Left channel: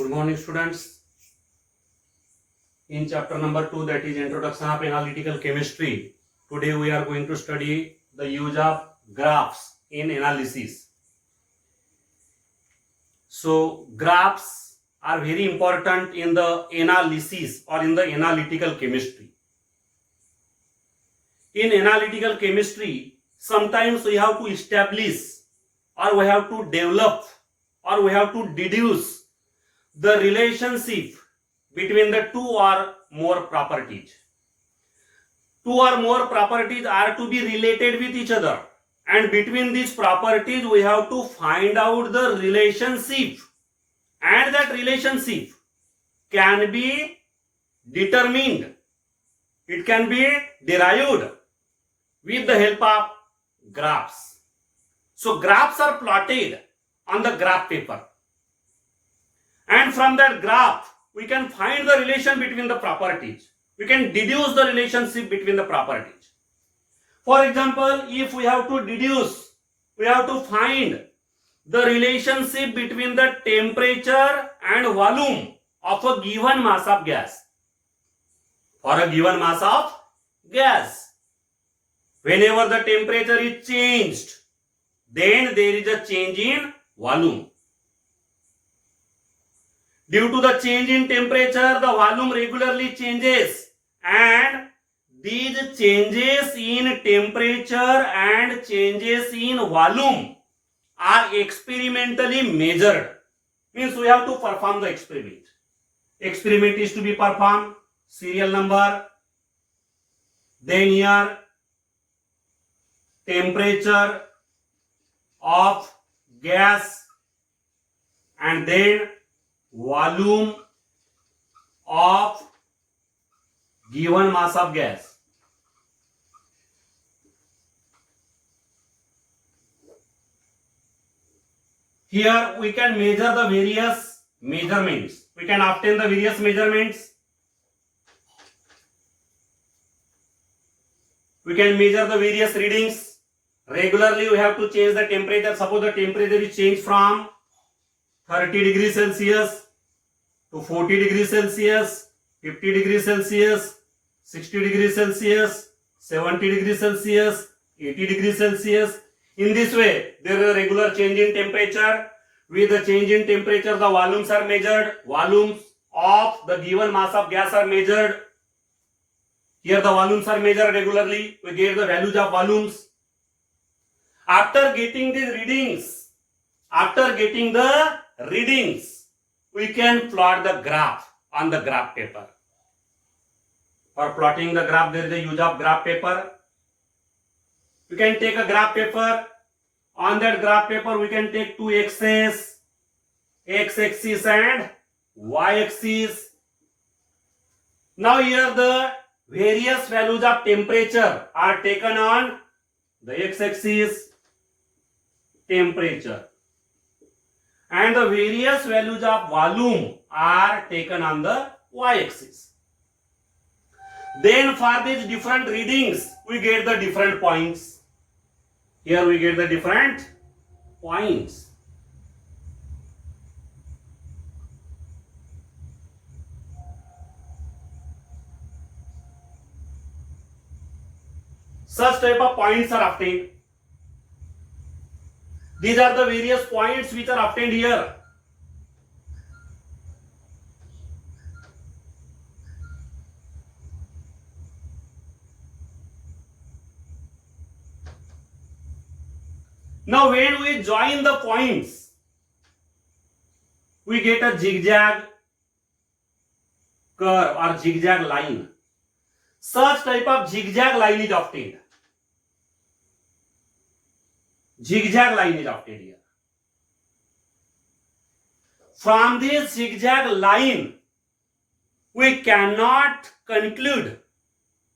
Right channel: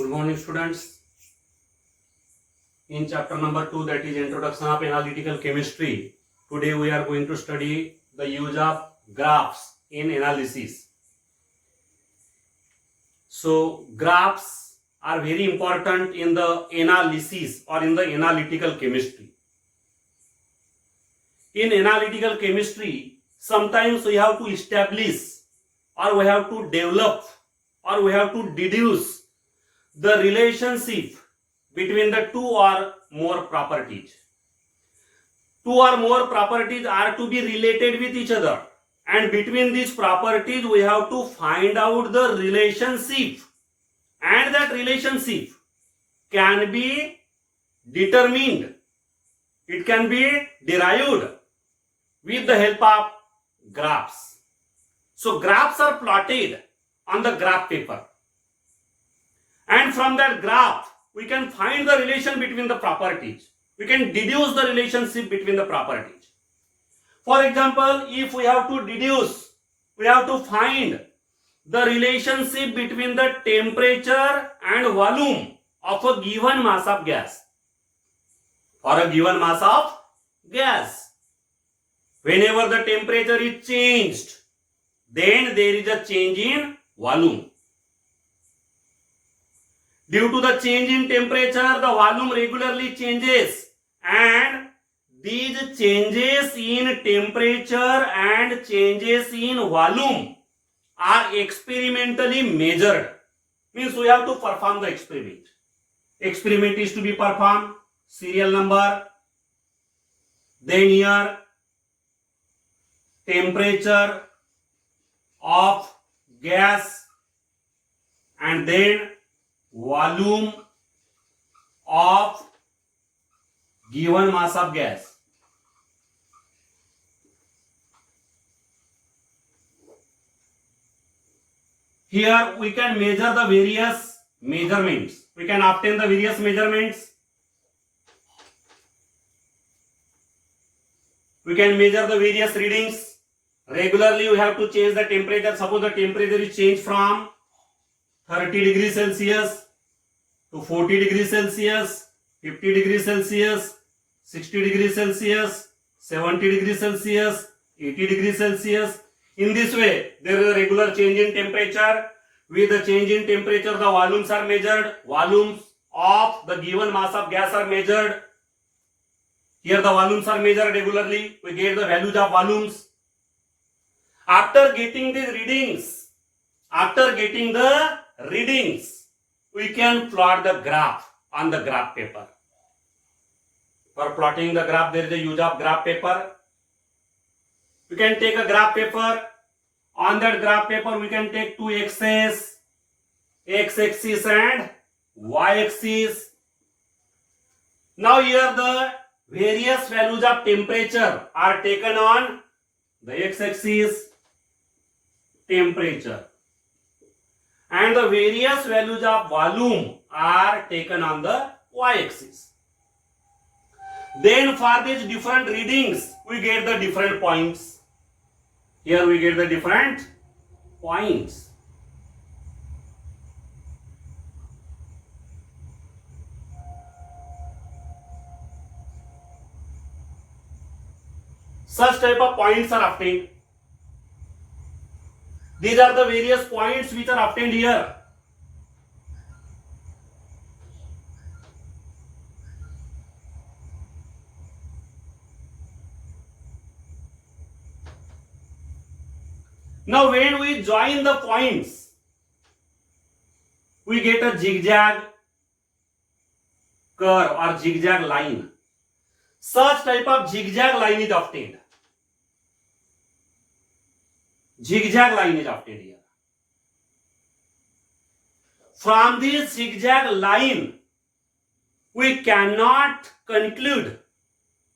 Good morning, students. In chapter number 2, that is Introduction of Analytical Chemistry, today we are going to study the use of graphs in analysis. So, graphs are very important in the analysis or in the analytical chemistry. In analytical chemistry, sometimes we have to establish or we have to develop or we have to deduce the relationship between the two or more properties. Two or more properties are to be related with each other, and between these properties we have to find out the relationship, and that relationship can be determined, it can be derived with the help of graphs. So graphs are plotted on the graph paper, and from that graph we can find the relation between the properties. We can deduce the relationship between the properties. For example, if we have to deduce, we have to find the relationship between the temperature and volume of a given mass of gas. For a given mass of gas, whenever the temperature is changed, then there is a change in volume. Due to the change in temperature, the volume regularly changes, and these changes in temperature and changes in volume are experimentally measured. Means we have to perform the experiment. Experiment is to be performed, serial number, then here temperature of gas, and then volume of given mass of gas. Here we can measure the various measurements. We can obtain the various measurements. We can measure the various readings. Regularly we have to change the temperature. Suppose the temperature is changed from 30 degrees Celsius to 40 degrees Celsius, 50 degrees Celsius, 60 degrees Celsius, 70 degrees Celsius, 80 degrees Celsius. In this way, there is a regular change in temperature. With the change in temperature, the volumes are measured. Volumes of the given mass of gas are measured. Here the volumes are measured regularly. We get the values of volumes. After getting these readings, we can plot the graph on the graph paper. For plotting the graph, there is a use of graph paper. We can take a graph paper. On that graph paper, we can take two axes, x-axis and y-axis. Now here the various values of temperature are taken on the x-axis, temperature, and the various values of volume are taken on the y-axis. Then for these different readings, we get the different points. Here we get the different points. Such type of points are obtained. These are the various points which are obtained here. Now when we join the points, we get a zigzag curve or zigzag line. Such type of zigzag line is obtained. Zigzag line is obtained here. From this zigzag line, we cannot conclude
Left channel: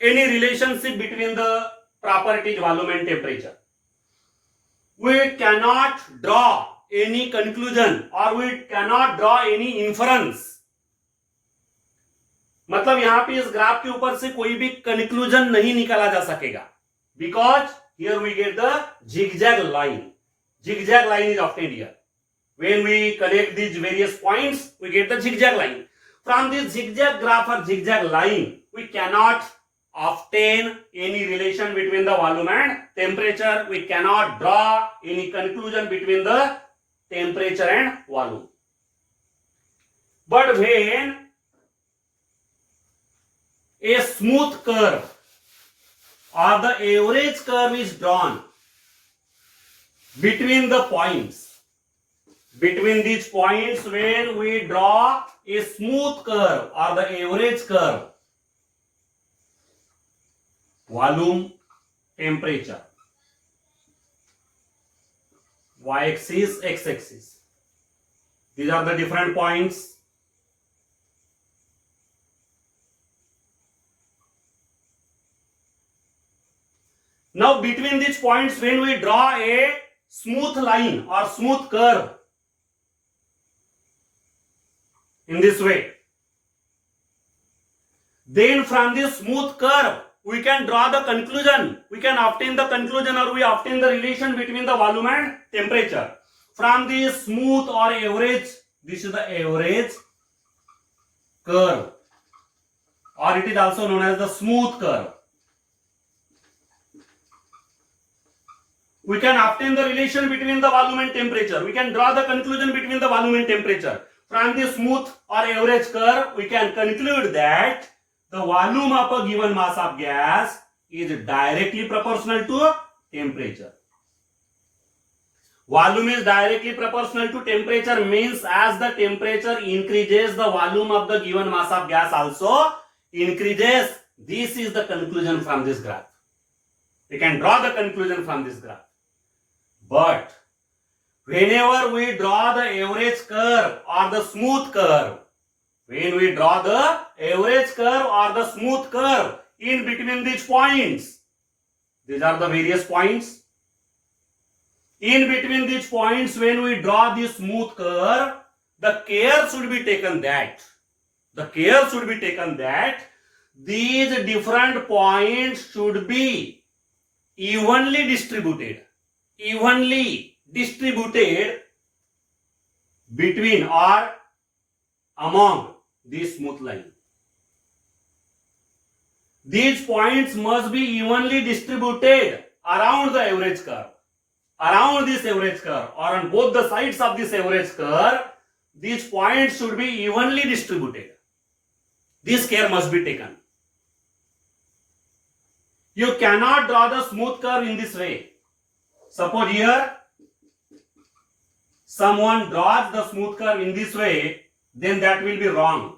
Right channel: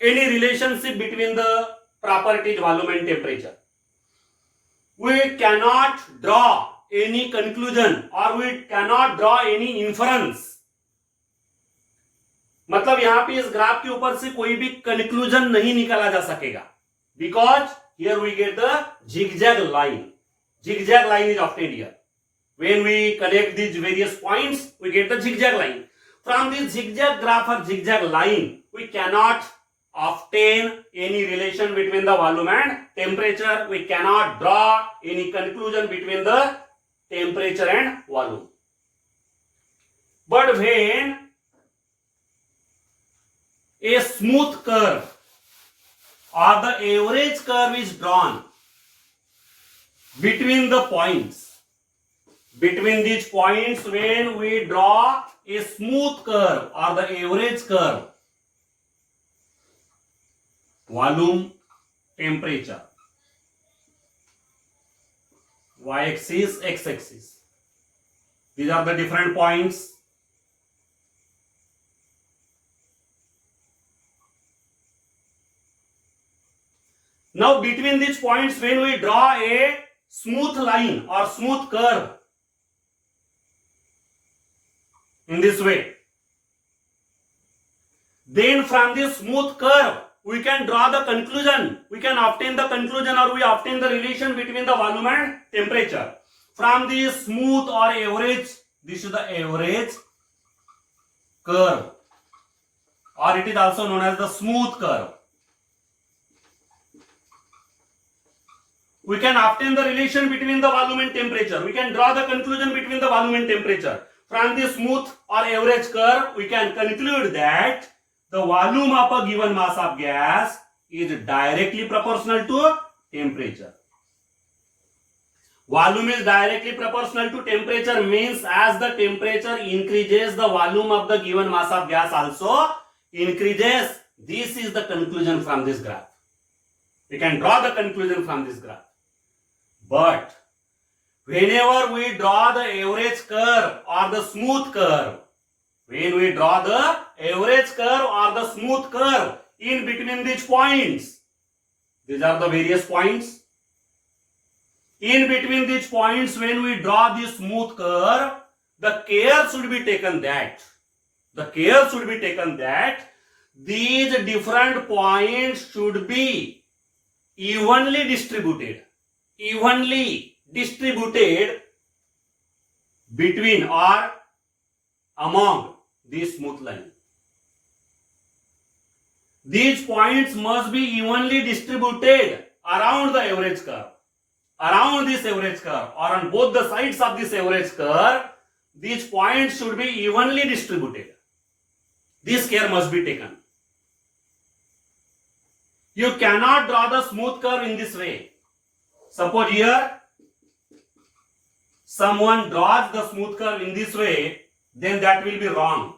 any relationship between the properties volume and temperature. We cannot draw any conclusion or we cannot draw any inference. मतलब यहाँ पे इस graph के ऊपर से कोई भी conclusion नहीं निकाला जा सकेगा, because here we get the zigzag line. Zigzag line is obtained here. When we connect these various points, we get the zigzag line. From this zigzag graph or zigzag line, we cannot obtain any relation between the volume and temperature. We cannot draw any conclusion between the temperature and volume. But when a smooth curve or the average curve is drawn between the points, between these points, when we draw a smooth curve or the average curve, volume, temperature, y-axis, x-axis, these are the different points. Now between these points, when we draw a smooth line or smooth curve in this way, then from this smooth curve we can draw the conclusion, we can obtain the conclusion, or we obtain the relation between the volume and temperature. From this smooth or average, this is the average curve, or it is also known as the smooth curve. We can obtain the relation between the volume and temperature. We can draw the conclusion between the volume and temperature. From this smooth or average curve, we can conclude that the volume of a given mass of gas is directly proportional to temperature. Volume is directly proportional to temperature means as the temperature increases, the volume of the given mass of gas also increases. This is the conclusion from this graph. We can draw the conclusion from this graph. But whenever we draw the average curve or the smooth curve, when we draw the average curve or the smooth curve in between these points, these are the various points. In between these points, when we draw this smooth curve, the care should be taken that these different points should be evenly distributed between or among this smooth line. These points must be evenly distributed around the average curve, around this average curve, or on both the sides of this average curve. These points should be evenly distributed. This care must be taken. You cannot draw the smooth curve in this way. Suppose here someone draws the smooth curve in this way, then that will be wrong.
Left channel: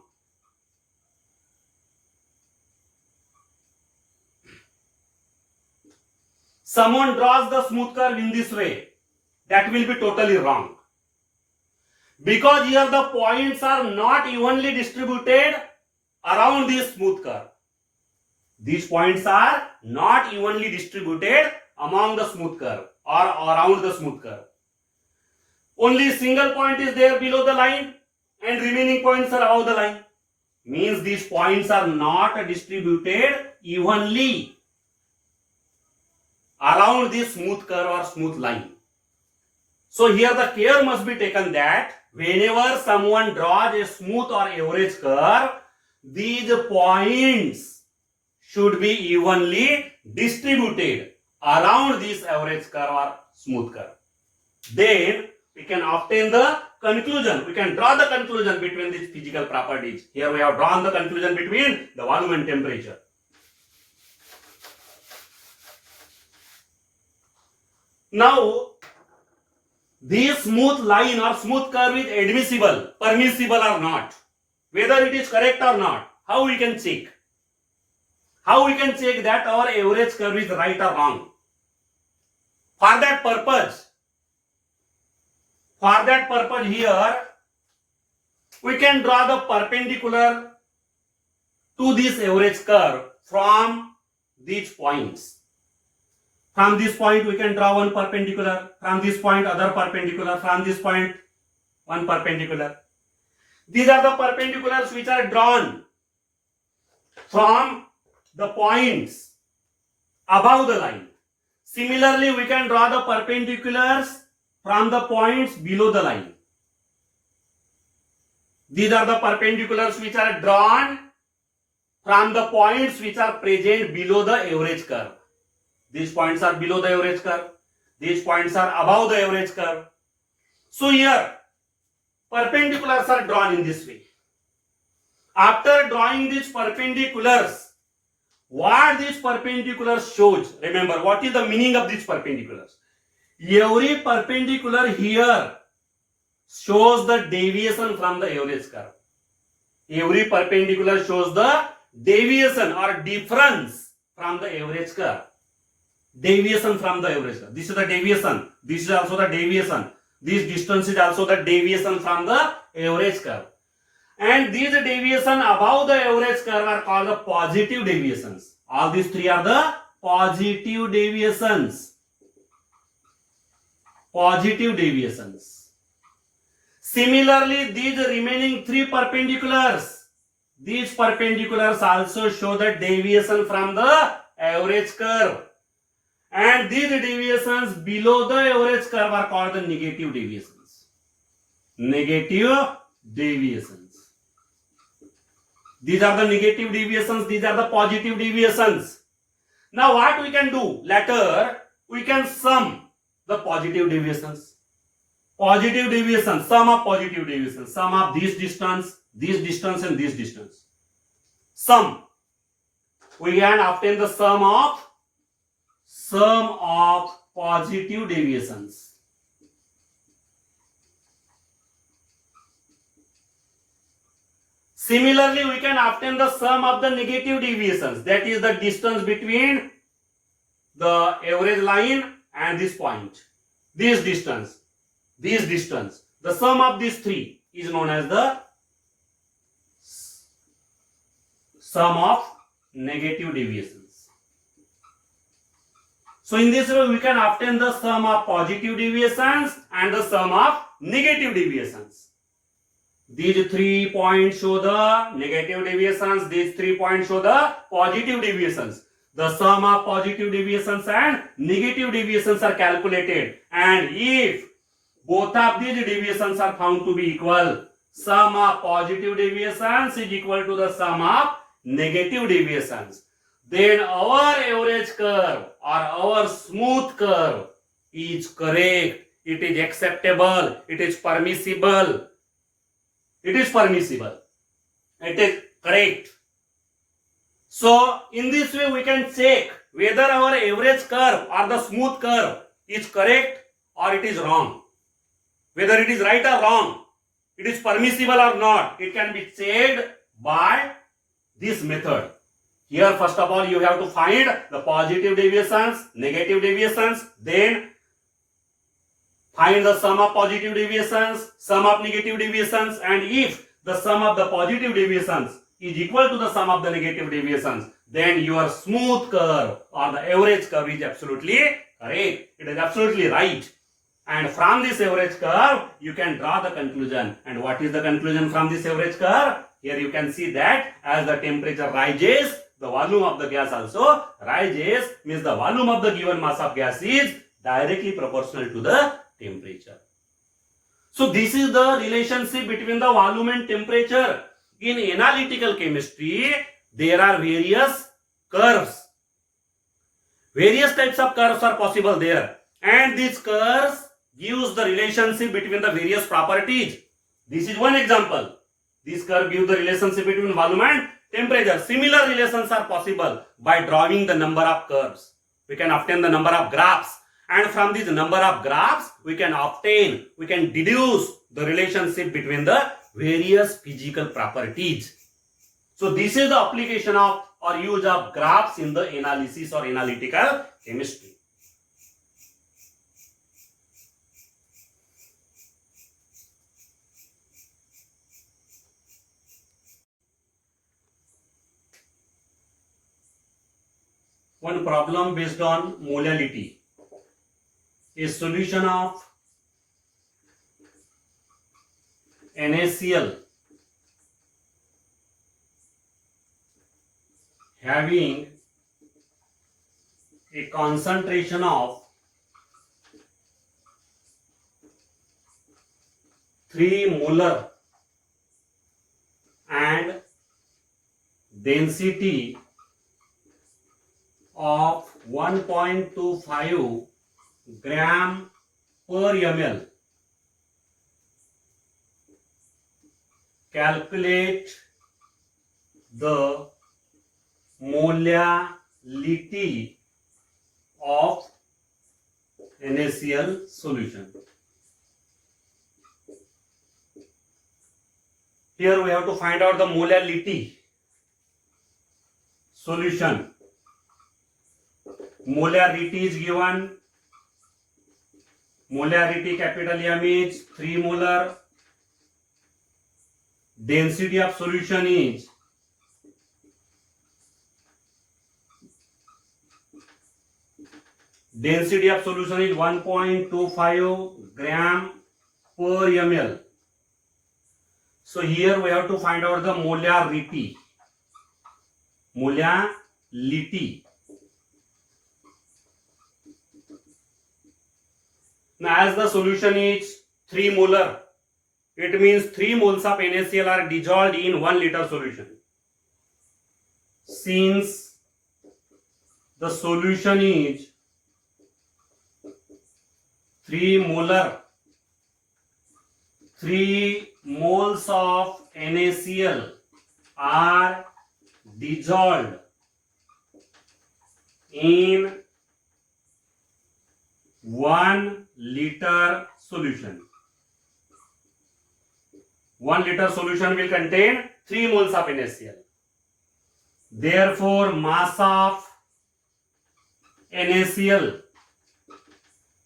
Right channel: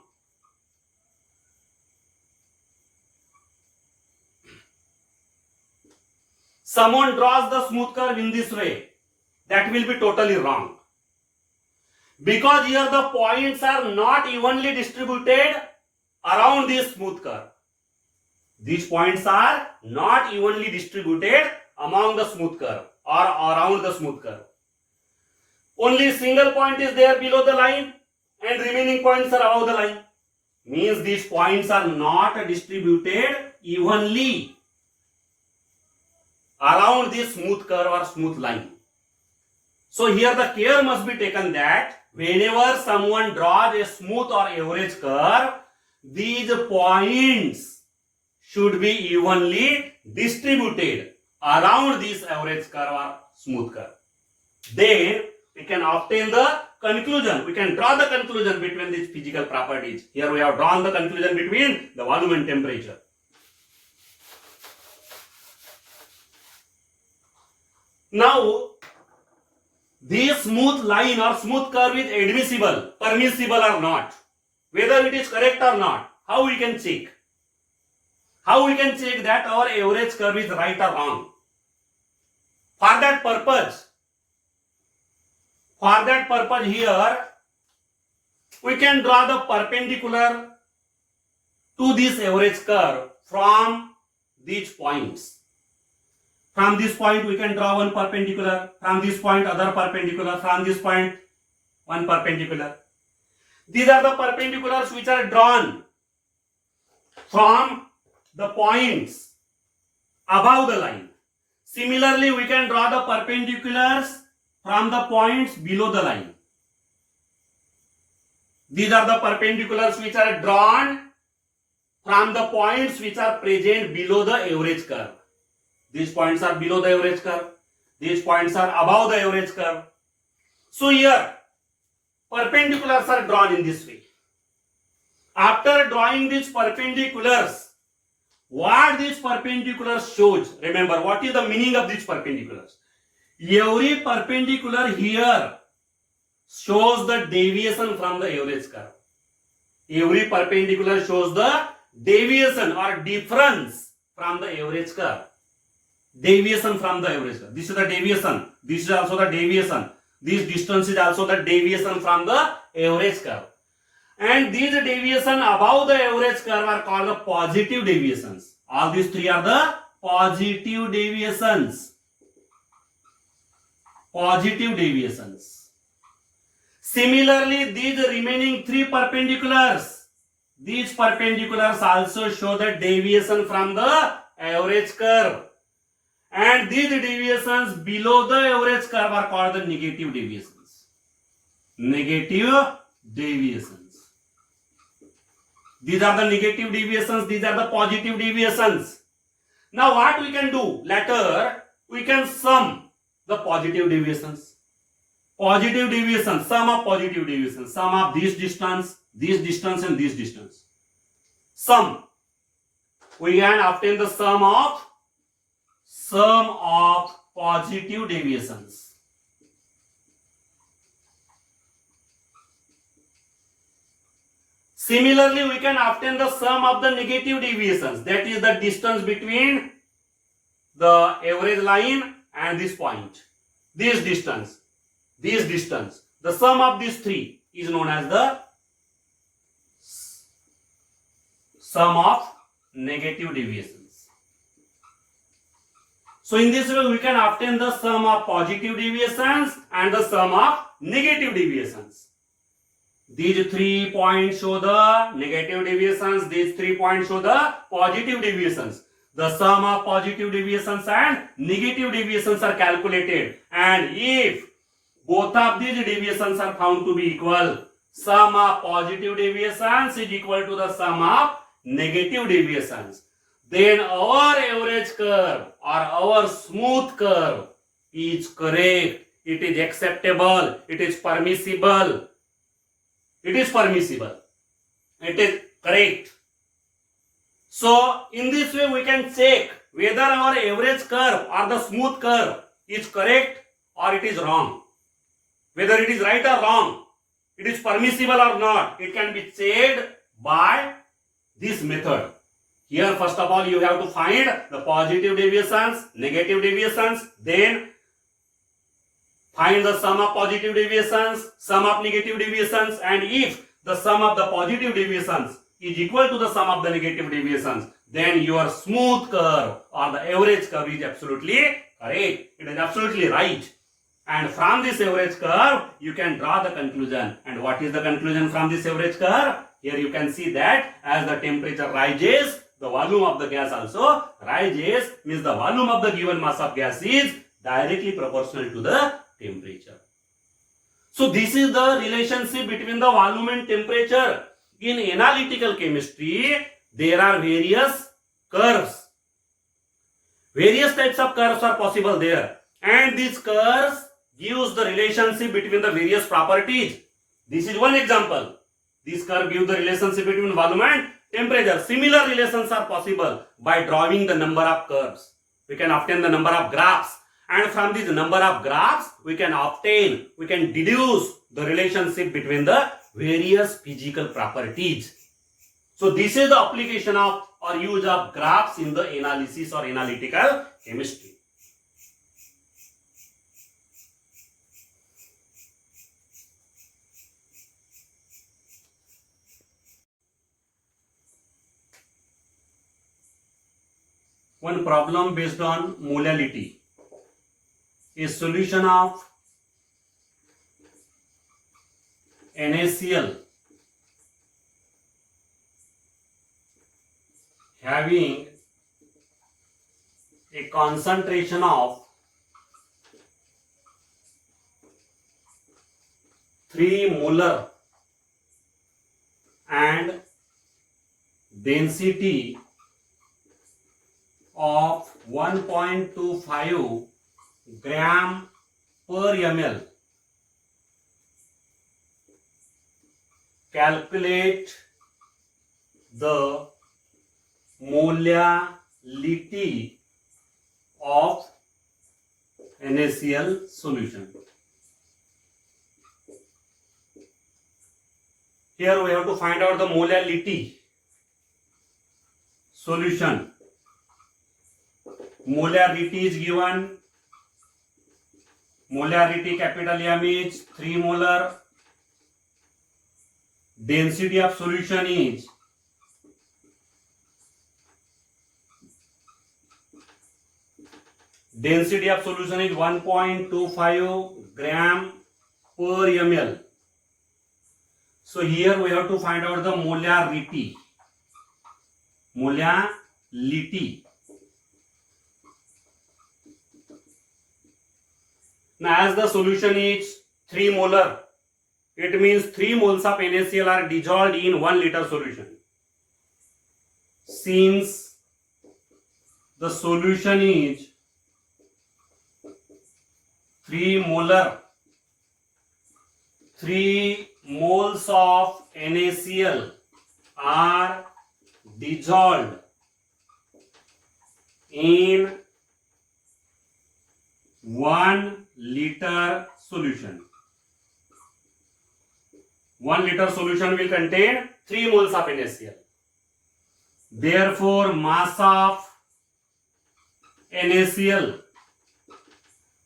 Someone draws the smooth curve in this way, that will be totally wrong. Because here the points are not evenly distributed around this smooth curve. These points are not evenly distributed among the smooth curve or around the smooth curve. Only single point is there below the line and remaining points are above the line. Means these points are not distributed evenly around this smooth curve or smooth line. So here the care must be taken that whenever someone draws a smooth or average curve, these points should be evenly distributed around this average curve or smooth curve. Then we can obtain the conclusion. We can draw the conclusion between these physical properties. Here we have drawn the conclusion between the volume and temperature. Now, this smooth line or smooth curve is admissible, permissible or not. Whether it is correct or not, how we can check? How we can check that our average curve is right or wrong? For that purpose here, we can draw the perpendicular to this average curve from these points. From this point we can draw one perpendicular, from this point other perpendicular, from this point one perpendicular. These are the perpendiculars which are drawn from the points above the line. Similarly, we can draw the perpendiculars from the points below the line. These are the perpendiculars which are drawn from the points which are present below the average curve. These points are below the average curve. These points are above the average curve. So here, perpendiculars are drawn in this way. After drawing these perpendiculars, what these perpendiculars shows, remember what is the meaning of these perpendiculars? Every perpendicular here shows the deviation from the average curve. Every perpendicular shows the deviation or difference from the average curve. Deviation from the average curve. This is the deviation. This is also the deviation. This distance is also the deviation from the average curve. And these deviation above the average curve are called the positive deviations. All these three are the positive deviations. Positive deviations. Similarly, these remaining three perpendiculars, these perpendiculars also show the deviation from the average curve. And these deviations below the average curve are called the negative deviations. Negative deviations. These are the negative deviations, these are the positive deviations. Now what we can do? Later, we can sum the positive deviations. Positive deviations, sum of positive deviations, sum of this distance and this distance. Sum. We can obtain the sum of positive deviations. Similarly, we can obtain the sum of the negative deviations. That is the distance between the average line and this point. This distance. The sum of these three is known as the sum of negative deviations. So in this way, we can obtain the sum of positive deviations and the sum of negative deviations. These 3 points show the negative deviations. These 3 points show the positive deviations. The sum of positive deviations and negative deviations are calculated. And if both of these deviations are found to be equal, sum of positive deviations is equal to the sum of negative deviations, then our average curve or our smooth curve is correct. It is acceptable. It is permissible. It is permissible. It is correct. So, in this way we can check whether our average curve or the smooth curve is correct or it is wrong. Whether it is right or wrong, it is permissible or not, it can be checked by this method. Here, first of all, you have to find the positive deviations, negative deviations, then find the sum of positive deviations, sum of negative deviations, and if the sum of the positive deviations is equal to the sum of the negative deviations, then your smooth curve or the average curve is absolutely correct. It is absolutely right. And from this average curve, you can draw the conclusion. And what is the conclusion from this average curve? Here you can see that as the temperature rises, the volume of the gas also rises, means the volume of the given mass of gas is directly proportional to the temperature. So this is the relationship between the volume and temperature. In analytical chemistry, there are various curves. Various types of curves are possible there. And these curves gives the relationship between the various properties. This is one example. This curve gives the relationship between volume and temperature. Similar relations are possible by drawing the number of curves. We can obtain the number of graphs. And from this number of graphs, we can deduce the relationship between the various physical properties. So this is the application of or use of graphs in the analysis or analytical chemistry. One problem based on molality. A solution of NaCl having a concentration of 3 molar and density of 1.25 gram per ml. Calculate the molality of NaCl solution. Here we have to find out the molality solution. Molarity is given. Molarity capital M is 3 molar. Density of solution is Density of solution is 1.25 gram per ml. So here we have to find out the molarity. Molality. Now as the solution is 3 molar, it means 3 moles of NaCl are dissolved in 1 liter solution. Since the solution is 3 molar, 3 moles of NaCl are dissolved in 1 liter solution. 1 liter solution will contain 3 moles of NaCl. Therefore, mass of NaCl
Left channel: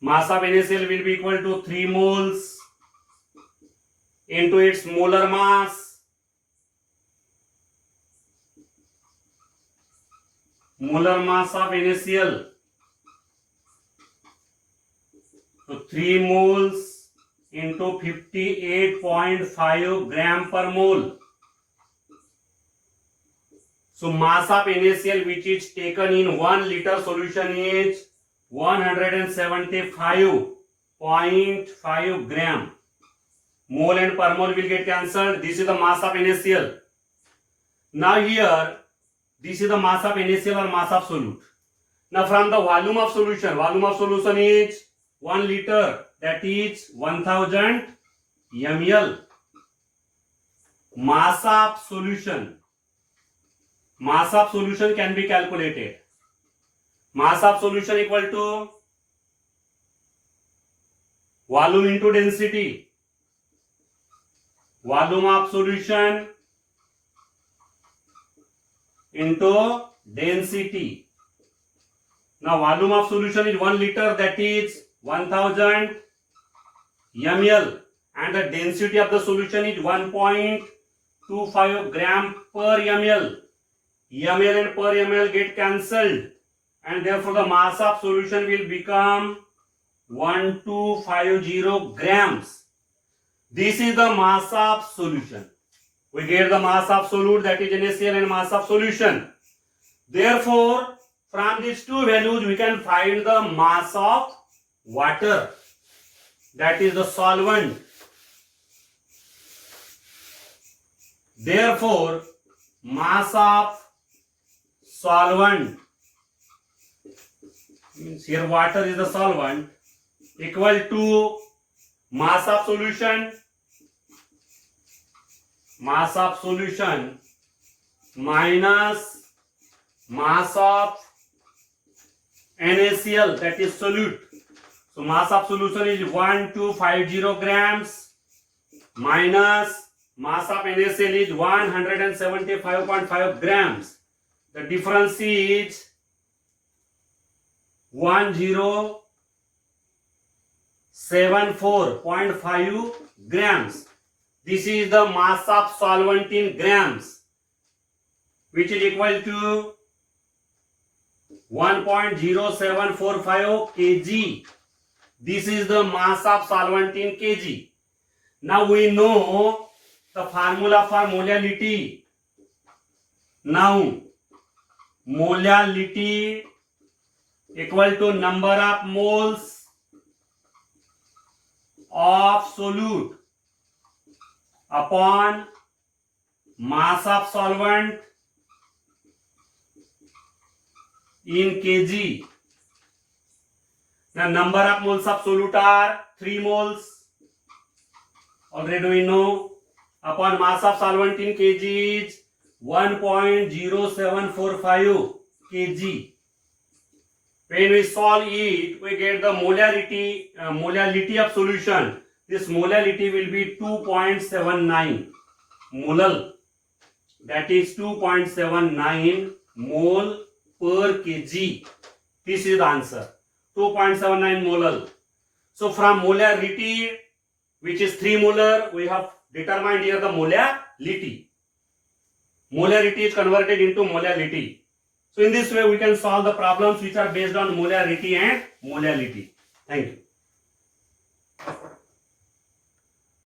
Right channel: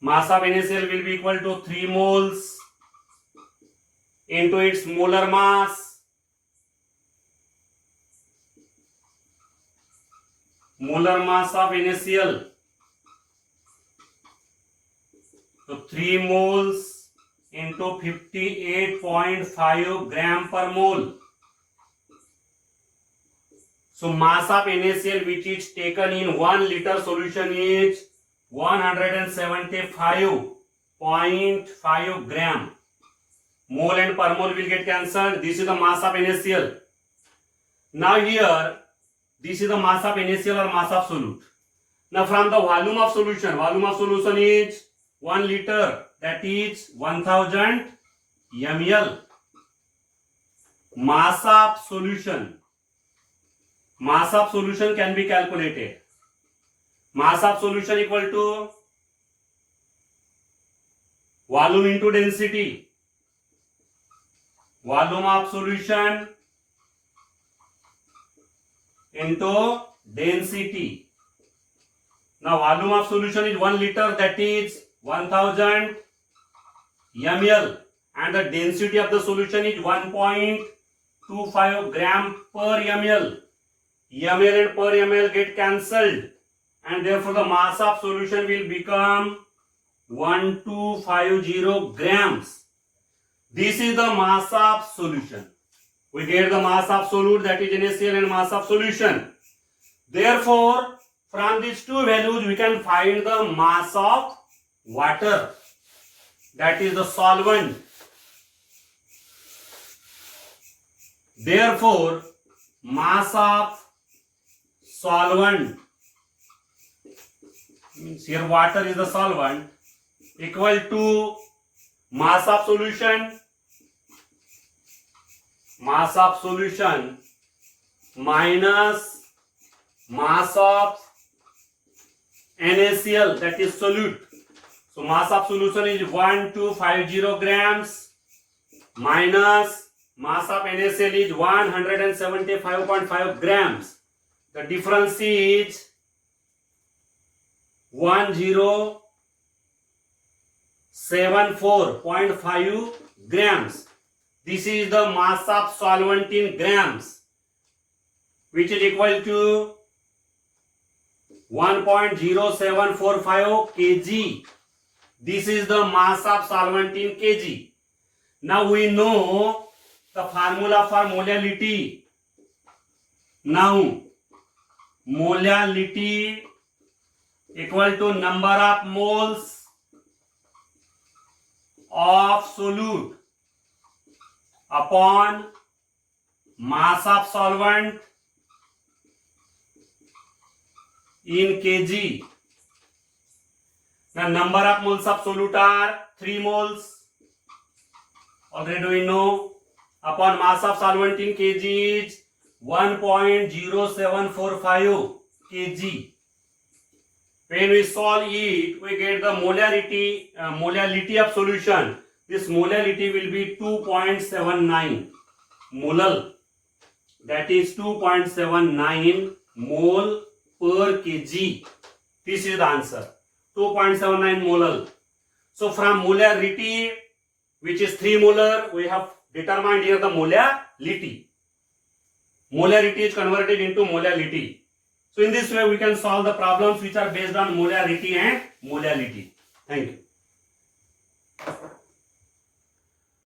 will be equal to 3 moles into its molar mass. Molar mass of NaCl. So 3 moles into 58.5 gram per mole. So mass of NaCl which is taken in 1 liter solution is 175.5 gram. Mole and per mole will get cancelled. This is the mass of NaCl. Now here, this is the mass of NaCl or mass of solute. Now from the volume of solution is 1 liter, that is 1000 ml. Mass of solution can be calculated. Mass of solution equal to volume into density. Volume of solution into density. Now volume of solution is 1 liter, that is 1000 ml, and the density of the solution is 1.25 gram per ml. Ml and per ml get cancelled, and therefore the mass of solution will become 1250 grams. This is the mass of solution. We get the mass of solute, that is NaCl, and mass of solution. Therefore, from these two values we can find the mass of water, that is the solvent. Therefore, mass of solvent, means here water is the solvent, equal to mass of solution minus mass of NaCl, that is solute. So mass of solution is 1250 grams minus mass of NaCl is 175.5 grams. The difference is 1074.5 grams. This is the mass of solvent in grams, which is equal to 1.0745 kg. This is the mass of solvent in kg. Now we know the formula for molality. Now molality equal to number of moles of solute upon mass of solvent in kg. The number of moles of solute are 3 moles. Already we know. Upon mass of solvent in kg is 1.0745 kg. When we solve it, we get the molality of solution. This molality will be 2.79 molal. That is 2.79 mole per kg. This is the answer. 2.79 molal. So from molarity, which is 3 molar, we have determined here the molality. Molarity is converted into molality. So in this way we can solve the problems which are based on molarity and molality. Thank you.